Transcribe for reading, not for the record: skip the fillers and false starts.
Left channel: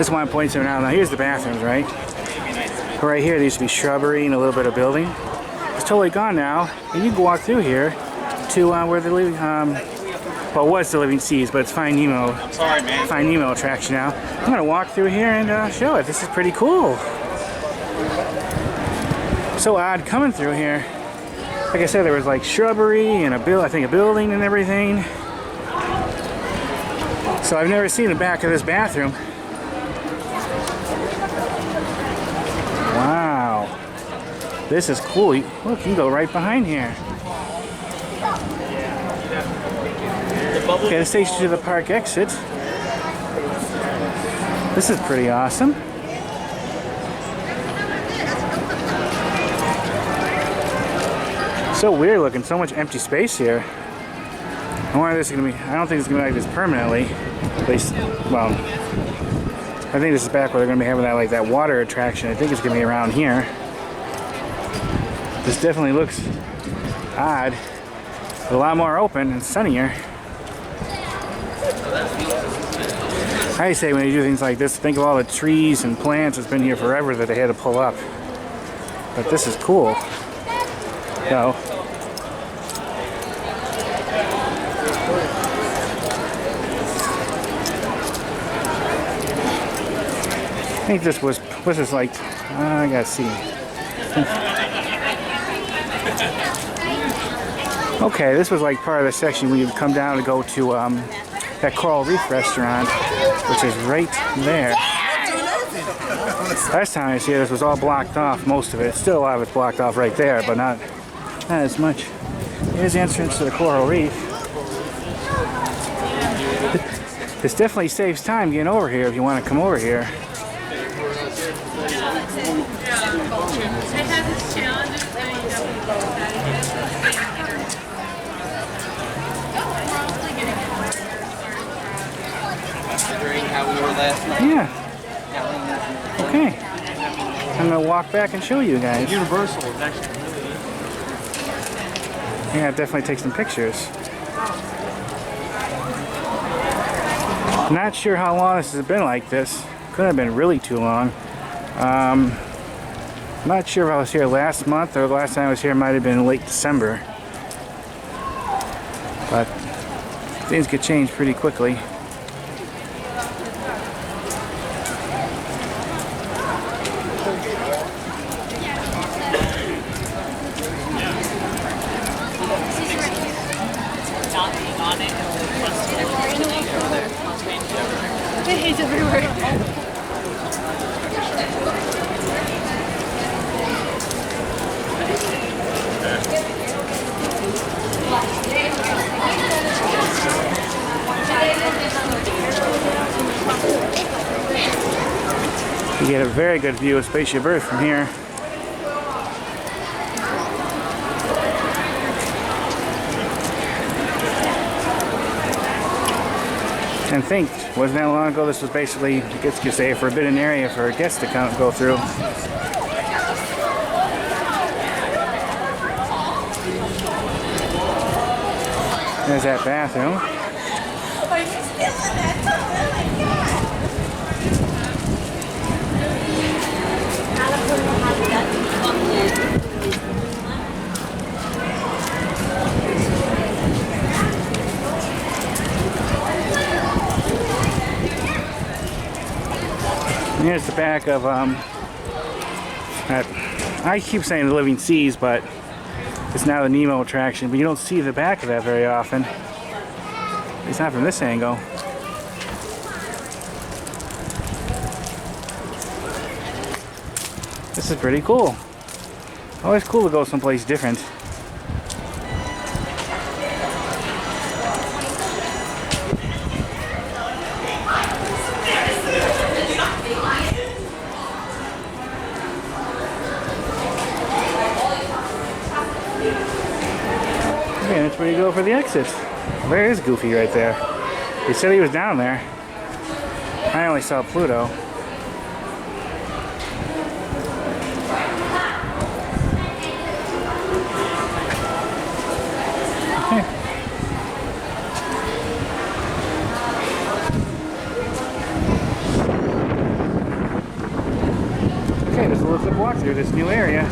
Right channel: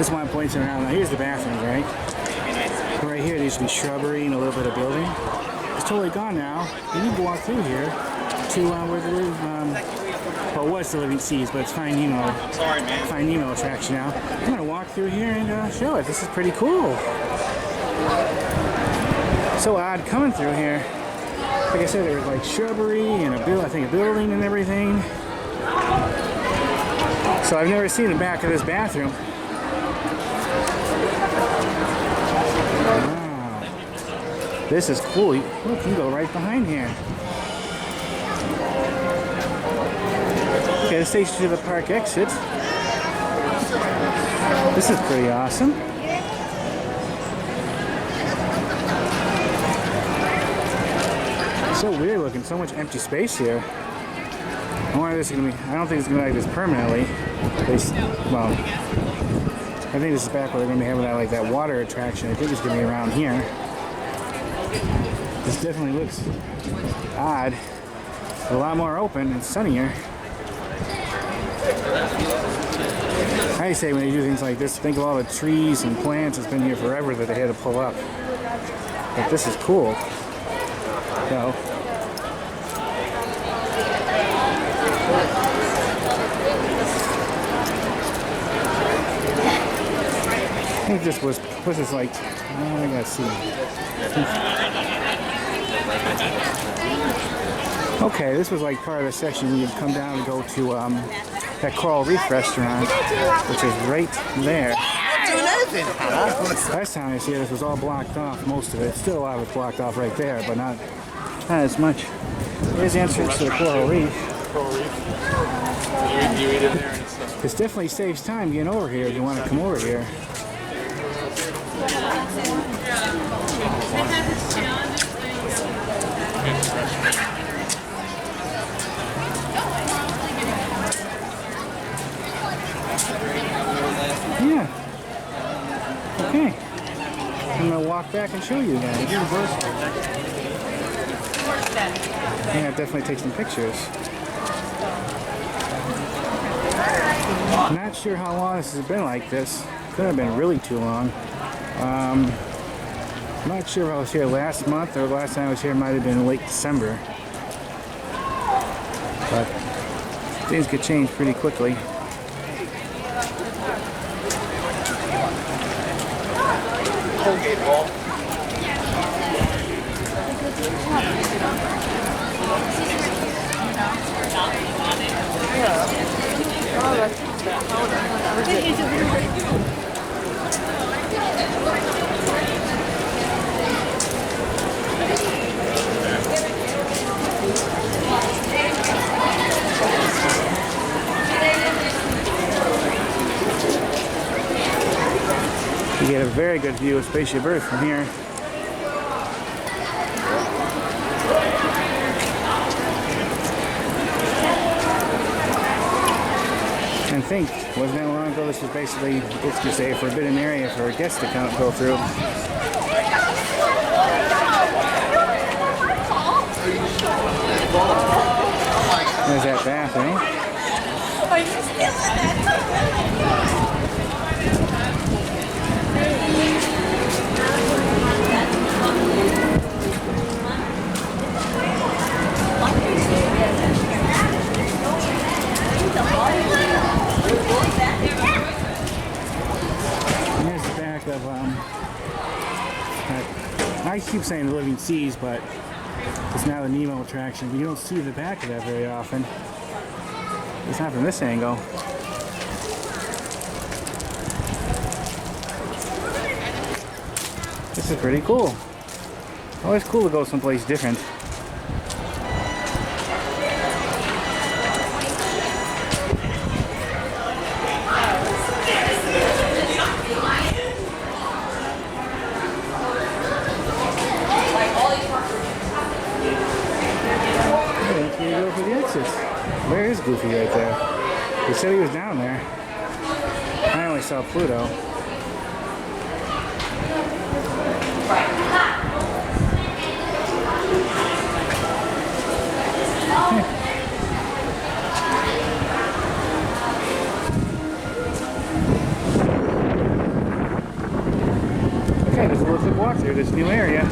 Just want to point something out. Now here's the bathrooms, right? Right here there used to be shrubbery and a little bit of building. It's totally gone now. And you can walk through here to where the living, well, it was the Living Seas, but it's Finding Nemo. I'm sorry, man. Finding Nemo attraction now. I'm gonna walk through here and show it. This is pretty cool. So odd coming through here. Like I said, there was like shrubbery and I think a building and everything. So I've never seen the back of this bathroom. Wow. This is cool. Look, you can go right behind here. Okay, this takes you to the park exit. This is pretty awesome. So weird looking, so much empty space here. I wonder if this is gonna be, I don't think it's gonna be like this permanently. At least, well, I think this is back where they're gonna be having that like that water attraction. I think it's gonna be around here. This definitely looks odd. A lot more open and sunnier. I say when you do things like this, think of all the trees and plants that's been here forever that they had to pull up. But this is cool. So, I think this was this like, I gotta see. Okay, this was like part of the section where you'd come down to go to that Coral Reef restaurant, which is right there. Last time I was here, this was all blocked off, most of it. Still a lot of it's blocked off right there, but not as much. Here's the entrance to the Coral Reef. This definitely saves time getting over here if you want to come over here. Yeah. Okay. I'm gonna walk back and show you guys. Universal. Yeah, definitely take some pictures. Not sure how long this has been like this. Could have been really too long. Not sure if I was here last month or the last time I was here might have been late December. But things could change pretty quickly. You get a very good view of Spaceship Earth from here. And think, wasn't that long ago, this was basically, I guess you could say, a forbidden area for guests to go through. There's that bathroom. Are you still in that? Here's the back of that, I keep saying the Living Seas, but it's now the Nemo attraction, but you don't see the back of that very often. It's not from this angle. This is pretty cool. Always cool to go someplace different. Okay, that's where you go for the exit. Where is Goofy right there? He said he was down there. I only saw Pluto. Okay, there's a little quick walk through this new area.